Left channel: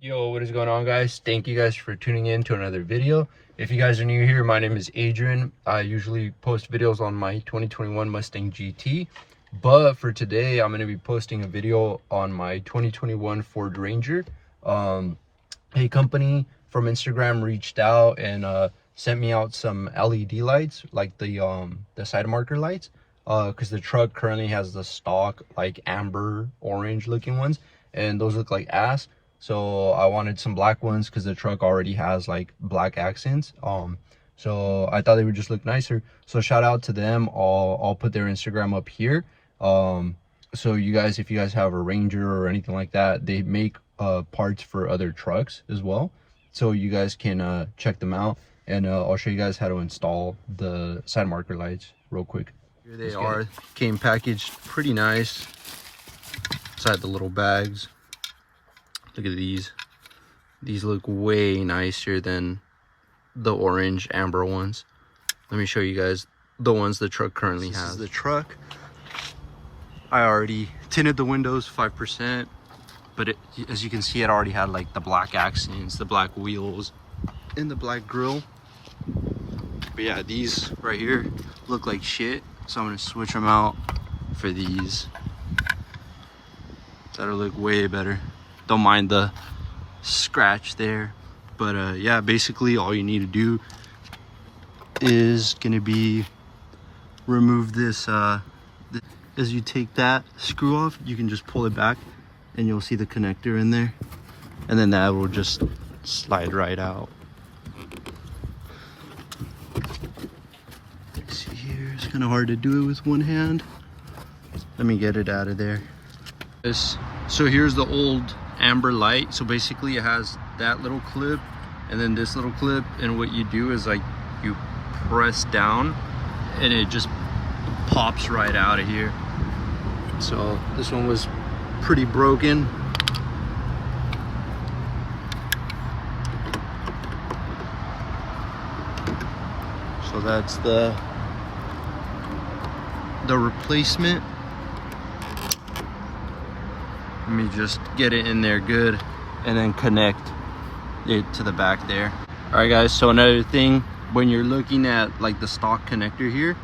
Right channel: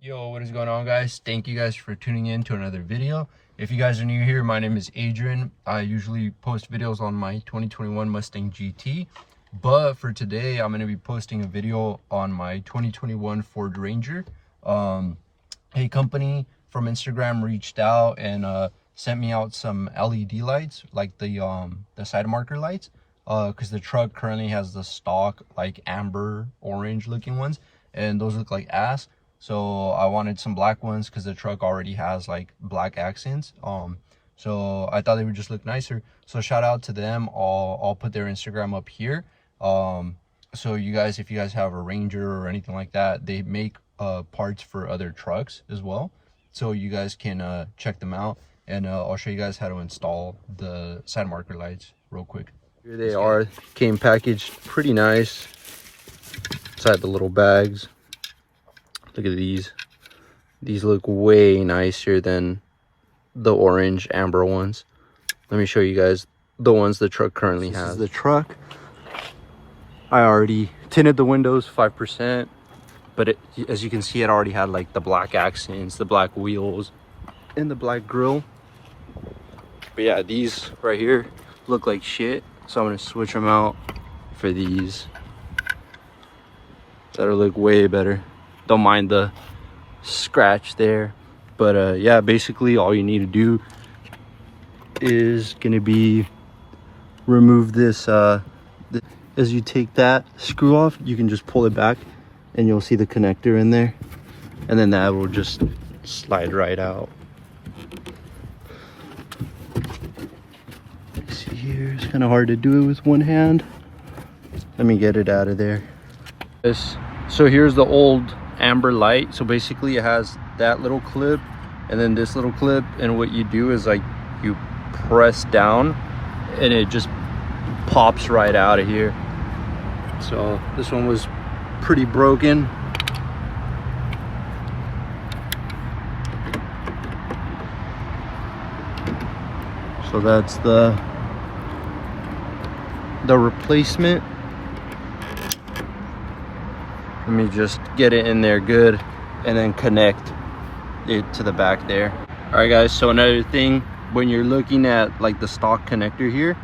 Yo, what is going on, guys? Thank you guys for tuning in to another video. If you guys are new here, my name is Adrian. I usually post videos on my 2021 Mustang GT, but for today I'm going to be posting a video on my 2021 Ford Ranger. A company from Instagram reached out and sent me out some LED lights, like the side marker lights, because the truck currently has the stock like amber orange looking ones, and those look like ass. So I wanted some black ones because the truck already has like black accents. So I thought they would just look nicer. So shout out to them. I'll put their Instagram up here. So you guys, if you guys have a Ranger or anything like that, they make parts for other trucks as well. So you guys can check them out, and I'll show you guys how to install the side marker lights real quick. Here they are. Came packaged pretty nice inside the little bags. Look at these. These look way nicer than the orange amber ones. Let me show you guys the ones the truck currently has. This is the truck. I already tinted the windows 5%, but as you can see, it already had like the black accents, the black wheels, and the black grille. But yeah, these right here look like shit, so I'm gonna switch them out for these that'll look way better. Don't mind the scratch there, but yeah, basically all you need to do is gonna be remove this as you take that screw off, you can just pull it back and you'll see the connector in there, and then that will just slide right out. See here, it's kind of hard to do it with one hand. Let me get it out of there. So here's the old amber light. So basically it has that little clip and then this little clip, and what you do is like you press down and it just pops right out of here. So this one was pretty broken. So that's the replacement. Let me just get it in there good and then connect it to the back there. All right, guys, so another thing, when you're looking at like the stock connector here,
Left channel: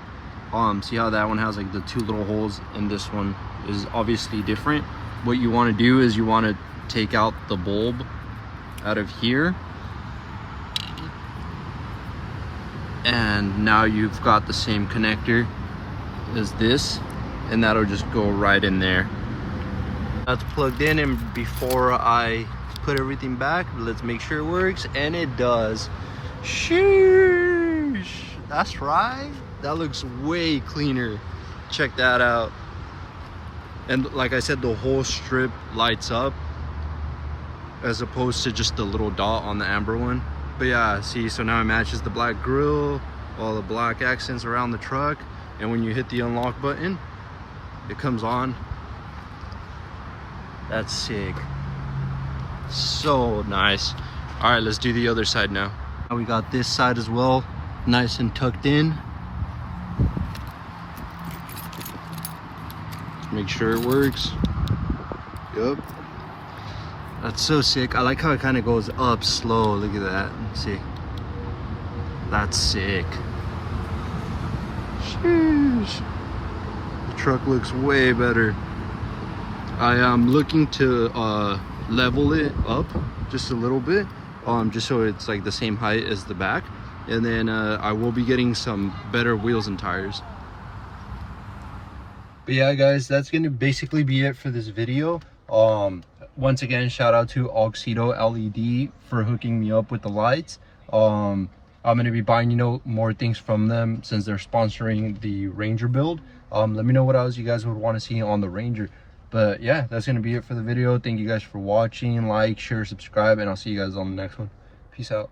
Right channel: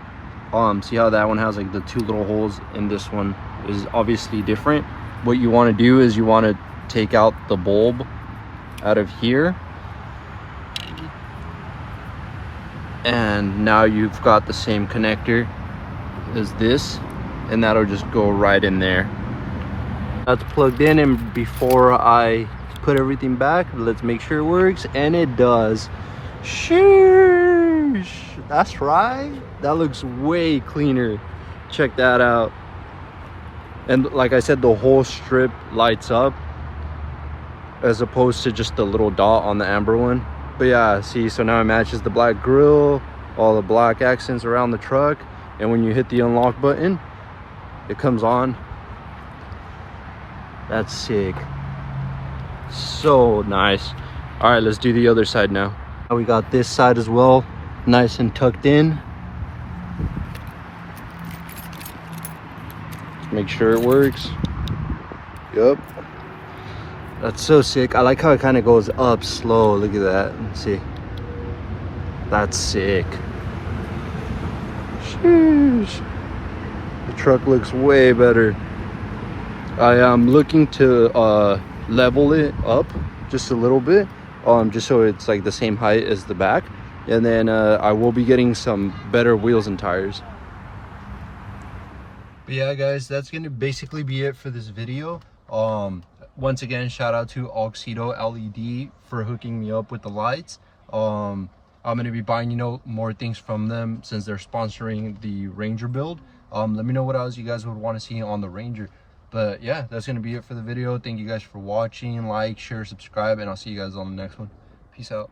see how that one has like the two little holes, and this one is obviously different. What you want to do is you want to take out the bulb out of here, and now you've got the same connector as this, and that'll just go right in there. That's plugged in, and before I put everything back, let's make sure it works, and it does. Sheesh, that's right. That looks way cleaner. Check that out. And like I said, the whole strip lights up as opposed to just the little dot on the amber one. But yeah, see, so now it matches the black grille, all the black accents around the truck, and when you hit the unlock button, it comes on. That's sick. So nice. All right, let's do the other side now. We got this side as well, nice and tucked in. Make sure it works. Yep. That's so sick. I like how it kind of goes up slow. Look at that. Let's see. That's sick. Sheesh. The truck looks way better. I am looking to level it up just a little bit, just so it's like the same height as the back, and then I will be getting some better wheels and tires. But yeah, guys, that's gonna basically be it for this video. Once again, shout out to AuxitoLed for hooking me up with the lights. I'm gonna be buying more things from them since they're sponsoring the Ranger build. Let me know what else you guys would want to see on the Ranger. But yeah, that's gonna be it for the video. Thank you guys for watching. Like, share, subscribe, and I'll see you guys on the next one. Peace out.